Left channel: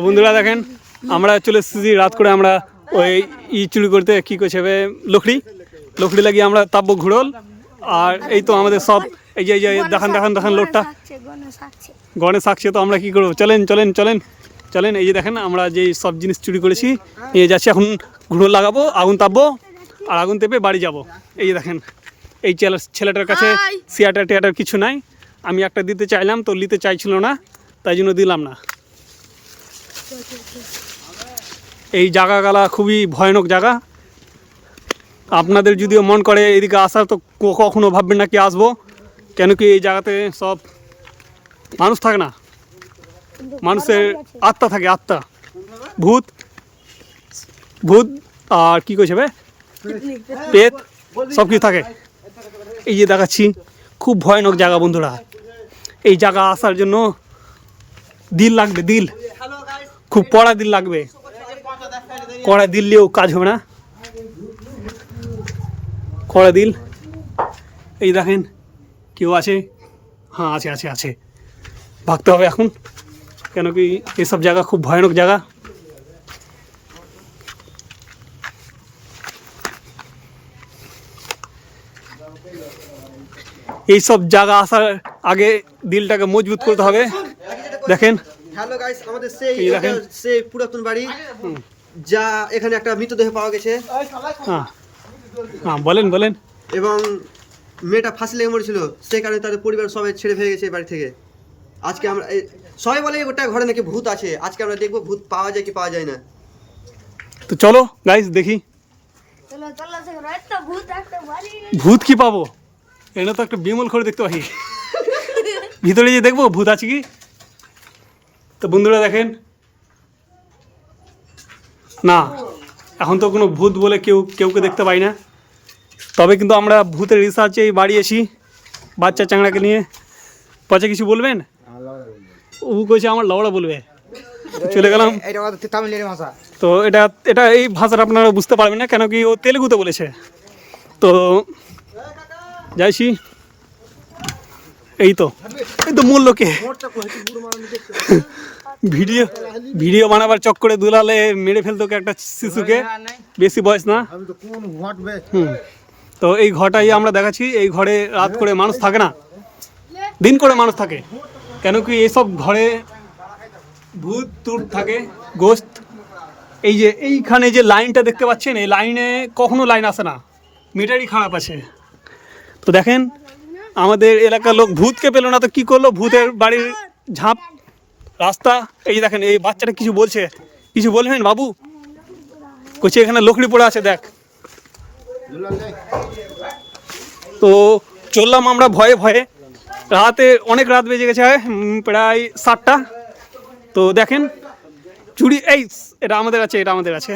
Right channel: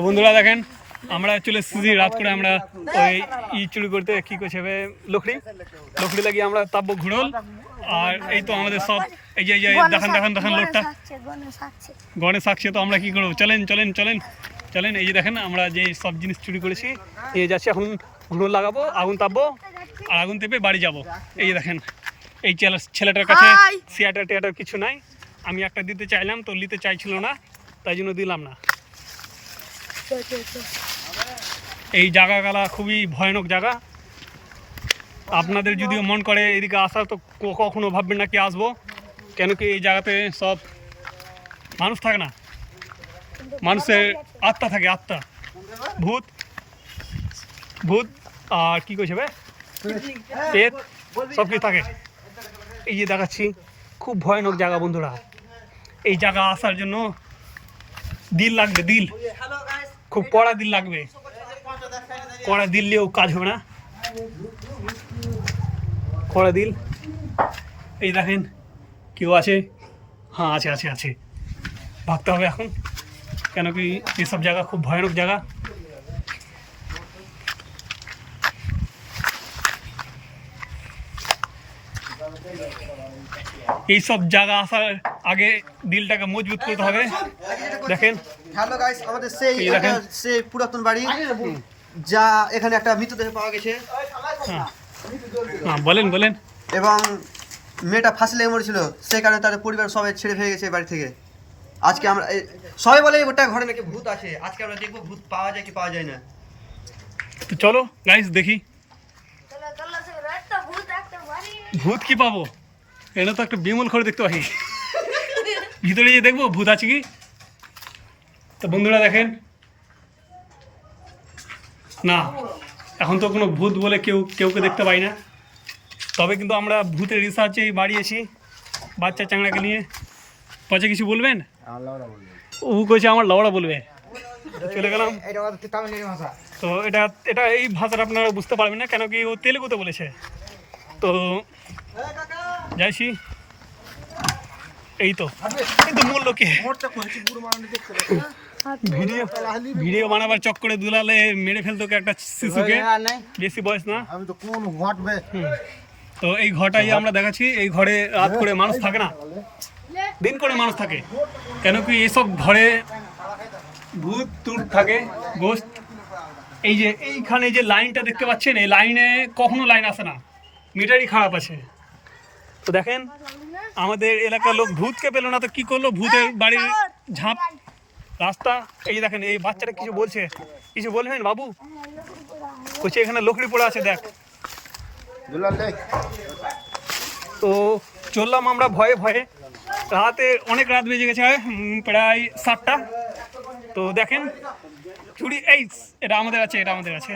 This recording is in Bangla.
বন্ধুরা দেখেন আমরা চলে এসেছি রাত করে আমরা ওই ই চুরি করতে কি করছে লকড়ি? লকড়ি লাগিয়ে আমরা তাপবো ঘুরল আর এই তো আমাদের সব এই যে এই যে দেখান দেখান দেখান লোকটা। গণেশ আসছে। তো আমরা কি করব? চলেন চলেন চলেন চলেন এই যে দেখেন আমরা যে সব জিনিস চুরি করেছি নিয়ে যাচ্ছি এখন ঘুরো লাগাবো আগুন তাপবো আর আগুন তেপে বাড়ি যাব। এই যে দেখেন এই ছেলে- ছেলেটার কাছে! সিয়াটার টিয়াটার কিছু নাই। আমি একটা দিতে চাইলাম তো নিতে চাইছিল না তাই জন্য দিলাম না। এই জায়গাগুলা খুবই ভয়ানক জায়গা। আপনাদের যদিও মন করে এদিকে আসার তো কখনো ভাববেন না কি আসব। কেন কি এই জায়গাতে সব মানুষ থাকে না? মানুষের আত্মা থাকে, আত্মা। ভূত ভূত আর কি কইছে পেট সব কিছু থাকে। এই যে দেখাচ্ছি, খুব ভয়ানক জায়গা বন্ধুরা। এই জায়গা আসার জন্য দিল লাগবে, দিল। খুব পড়া দিল লাগবে। কড়া দিল নিয়েও কাজ হবে না। কড়া দিল। এই দেখেন, কেউ আছে? হ্যাঁ আছে আছে আছে। ভাগতে হবে এখন। কেন কি এসব জায়গা খুব ভয়ানক জায়গা। এইসব জায়গা আসার আগে দিলটাকে মজবুত করতে হবে। দেখেন হ্যালো গাইস আমাদের সেই সেই পুরাতন বাড়ি যা এখানে একটা মৃতদেহ পাওয়া গেছে। হ্যাঁ। হ্যাঁ বলেন বলেন। এবং মেয়েটা ফাঁসি লেগে মরেছিল সেই কারণে তাদের পরিবার সবাই ছেড়ে ফেলে গেছে বাড়ি থেকে। আজকে আমরা এই- সবাই বলে ওটা ঘরে নাকি ভূত আছে। আজকে আমরা দেখব ভূত পাওয়া যায় কি পাওয়া যায় না। তো চলো গাইস দেখি। ভূত কি পাবো? এটা তো একটা বিমল করে দেখতে পাই। ভিতরে যে দেখব ভূত আছে কি? তো বন্ধুরা দেখেন। না এখন তো কোনো ভূত বলে কেউ কেউকে দেখতে পাই না। তবে কিন্তু আমরা ভূতের রিসার্চে বাড়িয়েছি বাচ্চা চাংড়াকে নিয়ে। পচে কিছু বলবেন? ও কইছে আমার লওড়া বলবে। চলে গেলাম। তো এটা এটা এই ভাষাটা আপনারা বুঝতে পারবেন না কেন কি ও তেলেগুতে বলেছে। তো যাইছি। এই তো এই তো মূল লোকে। ভিডিও ভিডিও বানাবার চক্করে দুলালে মেরে ফেলতো একটা শিশুকে। বেশি বয়স না? তো এই ঘরটাই আমরা দেখাচ্ছি, এই ঘরে রাত করে মানুষ থাকে না? দিন করে মানুষ থাকে। কেন কি এসব ঘরে ভূত টুত থাকে গোস্ত এই যে এইখানে যে লাইনটা দেখতে পাচ্ছেন, এই লাইনে কখনো লাইন আসে না। মিটারই খারাপ আছে। তো দেখেন আমাদের এলাকার লোক ভূতকে পেল না তো কি করল? ভূতের বাড়ির ঝাঁপ। রাস্তা, এই দেখেন, এই বাচ্চাটা কিছু বলছে। কিছু বলবেন বাবু? কইছে, এখানে লকড়ি পড়ে আছে, দেখ। তো চললাম আমরা ভয়ে ভয়ে। রাতে অনেক রাত বেজে গেছে প্রায় সাতটা। তো দেখেন, চুরি, এই, এটা আমাদের আছে, এটা আমাদের আছে।